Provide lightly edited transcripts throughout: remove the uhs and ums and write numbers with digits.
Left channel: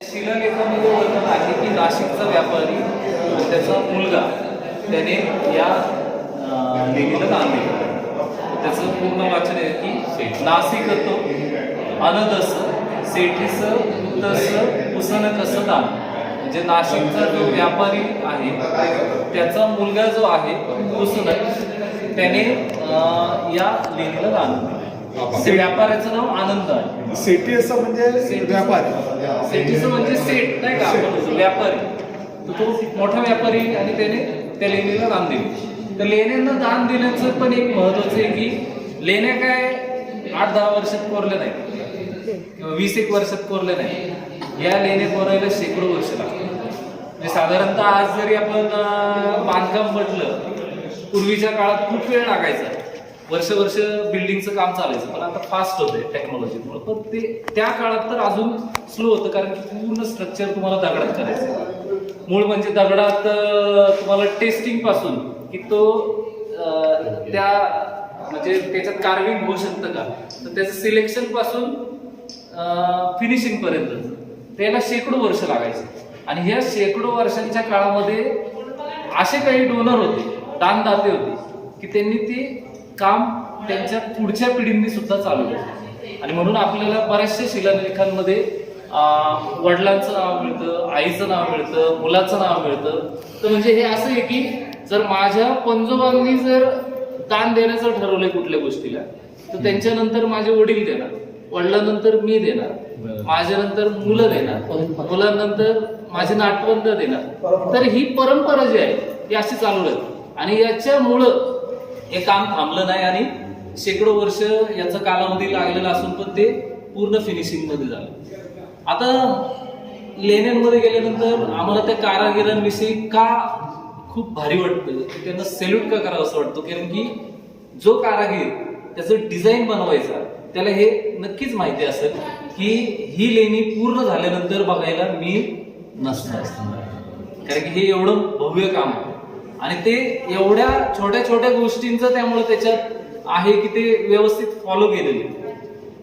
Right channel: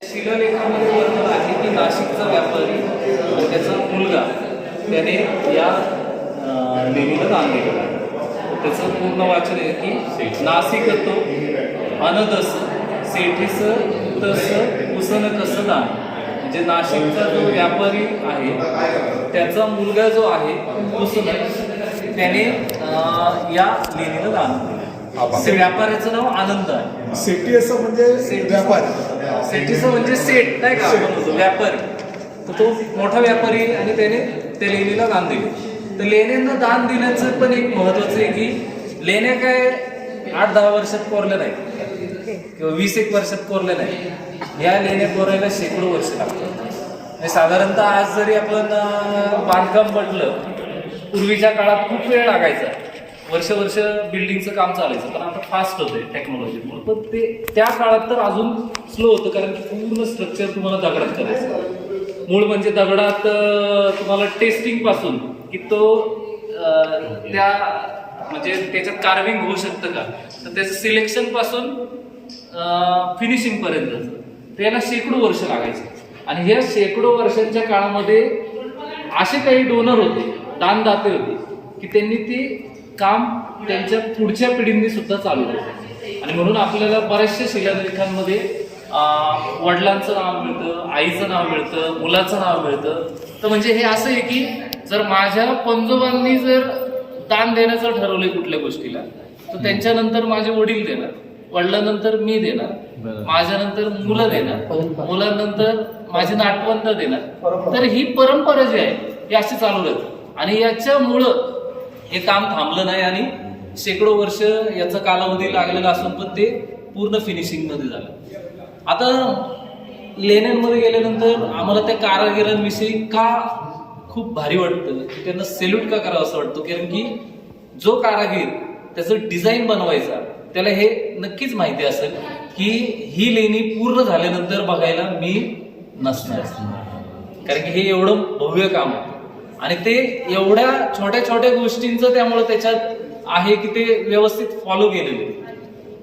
शिलालेखामध्ये वर्णन आहे की नाशिकचा व्यापारी आणि त्याचा मुलगा त्याने या लेणीला दान दिलं. त्याचं पूर्ण वाचन आहे की नाशिक तो अनदस सेठीस तस कुसन कस दान. म्हणजे नाशिकचा जो व्यापारी आहे त्याचा मुलगा जो आहे कुसन त्याने या लेणीला दान दिलं. व्यापाऱ्याचं नाव आनंद आहे. सेठी असं म्हणजे व्यापारी, सेठीचं म्हणजे सेठ नाही का, व्यापारी. तर तो मोठा व्यापारी आणि त्याने त्या लेणीला दान दिले. तर लेण्यांना दान दिल्याचं पण एक महत्वाचं आहे की लेण्या काय 8-10 वर्षात कोरल्या नाही किंवा 20-1 वर्षात कोरल्या नाही. या लेण्या कोरायला शेकडो वर्ष लागतात. साधारणतः आज जरी आपण बांधकाम म्हटलं, पूर्वीच्या काळात खूप वेळ लागायचा, वर्ष बिल्डिंगचं काम चालायचं. पण आता फास्ट होतंय टेक्नॉलॉजीमुळे. पण ते त्या काळात तर अजून स्लो होतं, कारण की पूर्ण स्ट्रक्चर तुम्हाला दगडात करायचं. मूळ म्हणजे दगडात तुम्हाला टेस्टिंग पासून की तो त्या म्हणजे त्याच्यात कार्विंग होऊ शकतं का, तर त्याचं सिलेक्शन पासून फिनिशिंग पर्यंत त्याला शेकडो वर्ष लागायचे. आणि ह्या शेकडो वर्षांच्या काळामध्ये असे काही डोनर होते, दानदाते होते, की त्यांनी ती काम त्यांच्या पुढच्या पिढींनी सुद्धा चालू केलं. आणि म्हणून आपल्याला बऱ्याचशा शिलालेखांमध्ये वडिलांचं नाव मिळतं, आईचं नाव मिळतं, मुलाचं नाव मिळतं. तर म्हणजे हे असं आहे की जर माझ्या पंजोबांनी जर दान देण्याचं ठरवलंय कुठल्या गोष्टीला, तर त्यांच्यानंतर माझे वडील देणार, वडिलांनंतर मी देणार, माझ्यानंतर मुलं देणार, मुलांनंतर माझे नातवंड देणार. तर ही परंपरा जी आहे ही अशी चालू राहते. आणि याच्यामुळं हे काम थांबलं नाही आणि शेकडो वर्ष याचा कालावधी लागलेला असून पण ते पूर्ण फिनिशिंग मध्ये झालं. आता लेण्यांमध्ये गेल्यानंतर आम्हाला त्या कारागिरांविषयी का खूप भारी वाटतं, की त्यांना सेल्यूट का करावं असं वाटतं, कारण की जो कारागीर त्याचं डिझाईन बनवायचा त्याला हे नक्कीच माहिती असेल की ही लेणी पूर्ण झाल्यानंतर बघायला मी नसणार, कारण की हे एवढं भव्य काम आहे. आणि ते एवढ्या छोट्या छोट्या गोष्टींचं त्यामुळे त्याच्यात आहे की ते व्यवस्थित फॉलो केलेले.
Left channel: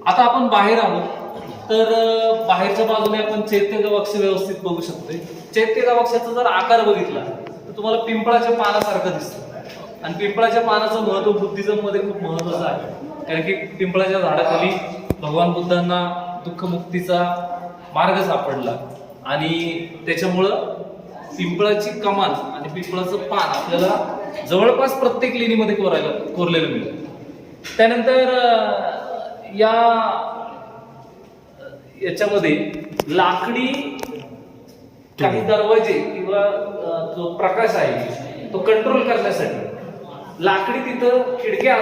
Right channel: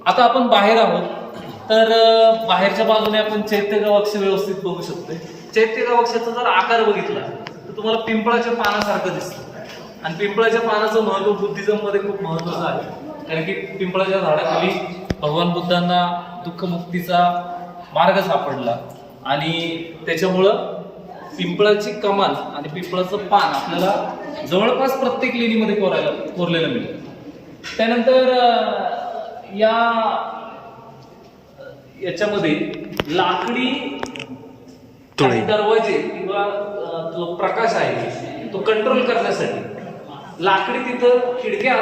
आता आपण बाहेर आहोत, तर बाहेरच्या बाजूने आपण चैत्य गवाक्ष व्यवस्थित बघू शकतोय. चैत्य गवाक्षाचा जर आकार बघितला तर तुम्हाला पिंपळाच्या पानासारखं दिसतं. आणि पिंपळाच्या पानाचं महत्व बुद्धिझम मध्ये खूप महत्वाचं आहे, कारण की पिंपळाच्या झाडाखाली भगवान बुद्धांना दुःखमुक्तीचा मार्ग सापडला. आणि त्याच्यामुळं पिंपळाची कमान आणि पिंपळाचं पान आपल्याला जवळपास प्रत्येक लेणीमध्ये कोरलेलं मिळतं. त्यानंतर याच्यामध्ये लाकडी काही दरवाजे किंवा जो प्रकाश आहे तो कंट्रोल करण्यासाठी लाकडी तिथं खिडक्या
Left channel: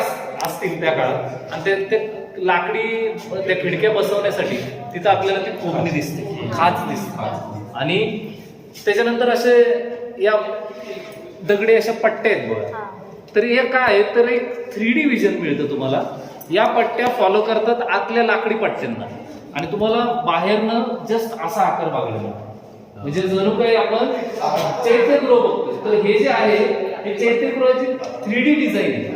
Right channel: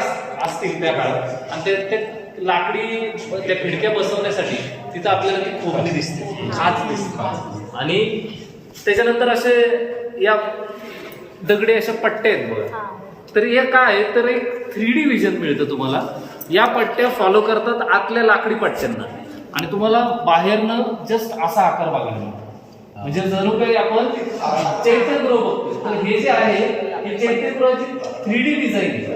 असतील त्या काळात. आणि ते लाकडी त्या खिडक्या बसवण्यासाठी तिथं आपल्याला ती खोबणी दिसते, खाच दिसते. आणि त्याच्यानंतर असे या दगडी अशा पट्ट्या आहेत बघा. तर हे काय आहे, तर एक 3D विजन मिळतं तुम्हाला. या पट्ट्या फॉलो करतात आतल्या लाकडी पट्ट्यांना आणि तुम्हाला बाहेरनं जस्ट असा आकार बघायला मिळतो. म्हणजे जणू काही आपण चैत्यगृह बघतोय. तर हे जे आहे हे चैत्यगृहाची 3D डिझाईन आहे.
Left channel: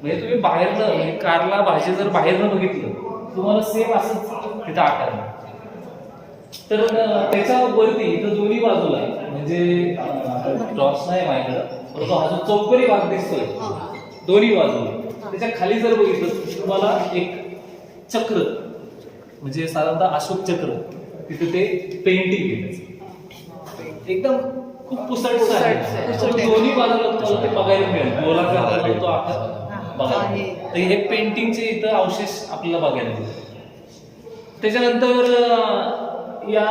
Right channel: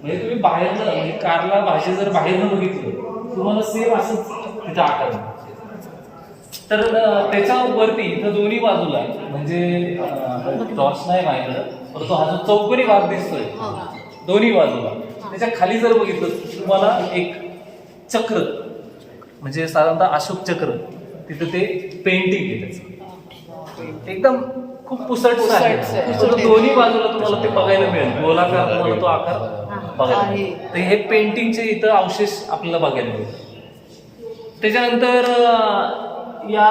म्हणजे तुम्ही बाहेरनं म्हणजे कारला भाजी जर बाहेरनं बघितलं तुम्हाला सेम असंच तिथं आकार मिळतो. तर त्याच्यावरती इथं दोन्ही बाजूला म्हणजे टॉर्च नाही माझ्याकडं, परंतु हा जो चौकोनी भाग दिसतोय दोन्ही बाजूला, त्याच्या खाली जर बघितलं तुम्हाला एक चक्र म्हणजे साधारणतः अशोक चक्र तिथं ते पेंटिंग आहे त्याचं एकदम खूप पुसटच आहे. दोन्ही बाजूला तुम्हाला ते बघायला मिळेल, गोलाकार तुम्हाला तो आकार बघायला मिळेल. तर हे पेंटिंगचे इथं अवशेष आपल्याला बघायला मिळेल. त्याच्यानंतर या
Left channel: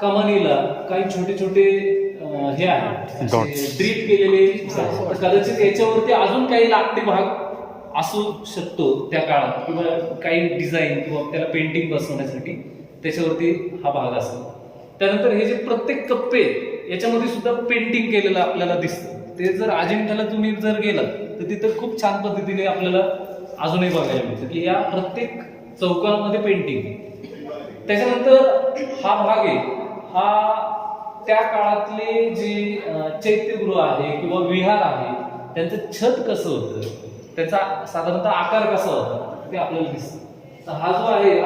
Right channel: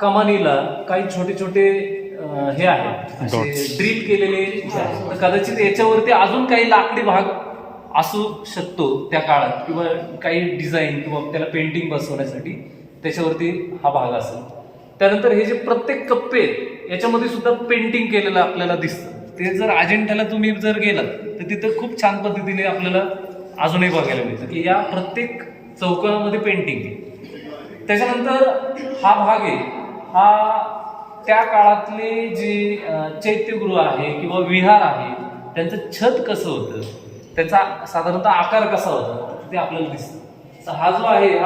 कमानीला काही छोटे छोटे हे आहेत ड्रीप केलेले. कदाचित याच्यावरती अजून काही लाकडी भाग असू शकतो त्या काळात, किंवा काही डिझाईन किंवा त्याला पेंटिंग बसवण्यासाठी त्याच्यावरती हा भाग असेल. त्यानंतर हे जे प्रत्येक कप्पे याच्यामध्ये सुद्धा पेंटिंग केलेलं आपल्याला दिसतं. ते जर अजिंठ्याला तुम्ही जर गेलात तर तिथं खूप छान पद्धतीने आपल्याला अजूनही बघायला मिळतं की या प्रत्येक चौकामध्ये पेंटिंग आहे. त्याच्यानंतर हा भाग आहे हा त्या काळातले जे चैत्यगृह आहे किंवा विहार आहे त्यांचं छत कसं होतं, त्याचा साधारणतः आकार कसा होता ते आपल्याला दिसतं. हा जो आहे